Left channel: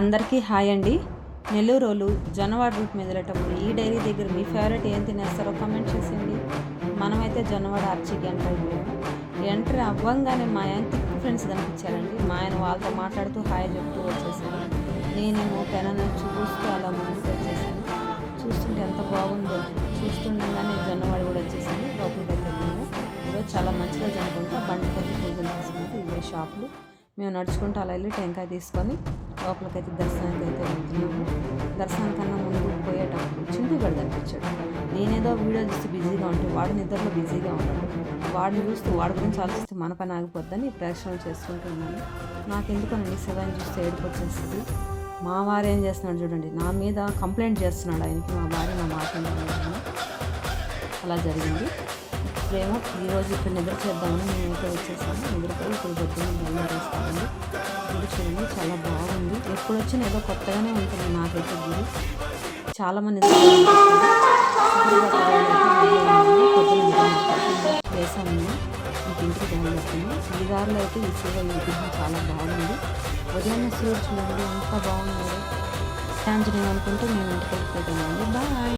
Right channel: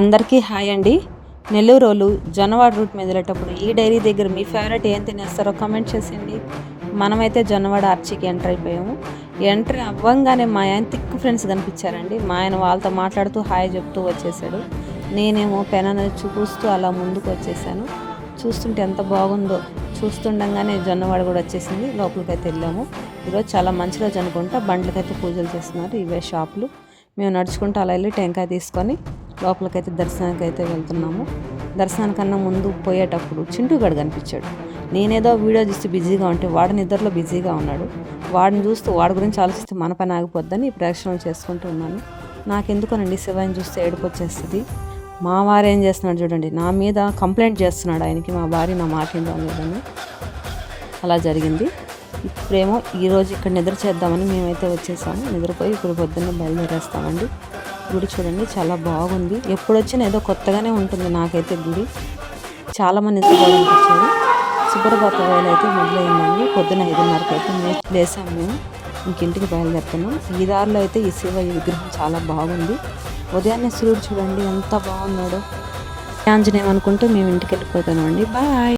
అందరికీ హాయ్ అండి. నెల్లూరోళ్ళు జొన్నవాడ రూట్ మీద వెళ్ళేటప్పుడు ఈ డైరీ దగ్గర మీ ఫేవరెట్ ఏం తినేస్తారో కామెంట్ చేసేయండి. మనమైతే జొన్నవాడ ఆర్చికి ఎంటర్ అయిపోయాము. ఎంటర్ అవ్వంగానే మా ఆయన థిక్ ఫ్రెండ్స్ కనిపించారండి. మా ఆయన వాళ్ళతో మాట్లాడుతూ హాయ్ చెప్తూ వచ్చేసాడు. నేనేమో పెనను చూస్తూ అలా ముందుకు వచ్చేసాను. చూస్తుంటే ఎంత బాగుందో. చూస్తుండగానే జొన్నవాడ కూడా వచ్చేసింది. లోపలికైతే వెళ్ళాము. ఈరోజు చాలా మంచి రోజు అనుకుంటా. బండ్లకైతే పూజలు చేస్తున్నారు. ఇవే షాపులు. మేము నడుచుకుంటూ అలా వెళ్ళి టెంకాయ తీసుకొని లోపలికైతే దర్శనానికి అయితే వెళ్తున్నాము. దర్శనానికన్నా ముందు పోయేటప్పుడు చింటూగాడు కనిపించాడు. నేనేదో వీడియో చూస్తే బిజీగా ఉంటే వాడు నిద్రలో బిజీగా ఉన్నాడు. వాడిని చూస్తూ వాడి గురించి ఆలోచిస్తే మన పని ఆగిపోద్దని ప్రదక్షిణలు చేసుకుంటూ ఉన్నాను. నాకెందుకోనండి శివాని చూస్తే ఏడుపు వచ్చేస్తుంది. మా వారు ఏం చేస్తున్నాడు చూడండి, నా మీద కంప్లైంట్ చేస్తున్నాడు. ఆయనకి మా భార్య నా మాట లేదని. అలా జరిగింది. ఇప్పుడేమో ఈరోజు ఇక్కడ నిద్ర చేద్దామని మేమైతే వచ్చేసాము. నిద్రపోయి ఇప్పుడు పొద్దున్న బయలుదేరేస్తామండి. గుడి చూడండి చాలా బాగుంది. ఎప్పుడు వచ్చినా ఏదో కొత్తగానే ఉంటుంది నాకైతే గుడి. చాలామంది నిద్రపోయించారు. సుబ్రహ్మణ్య వేళ అయితే మొదలైందండి. పొద్దున 5:30కి అయితే లేసాము. మేము ఇంటికి బయలుదేరుతున్నాం. ఈ దారిలో అయితే ఈ శివ విగ్రహం చాలా బాగుంది. ఉదయాన్నే సూర్యుడు చూడండి ఎంత బాగున్నాడు. ఆంజనేయం అనుకుంటూ మేము ఇంటికి వెళ్ళిపోతామండి. బాయ్.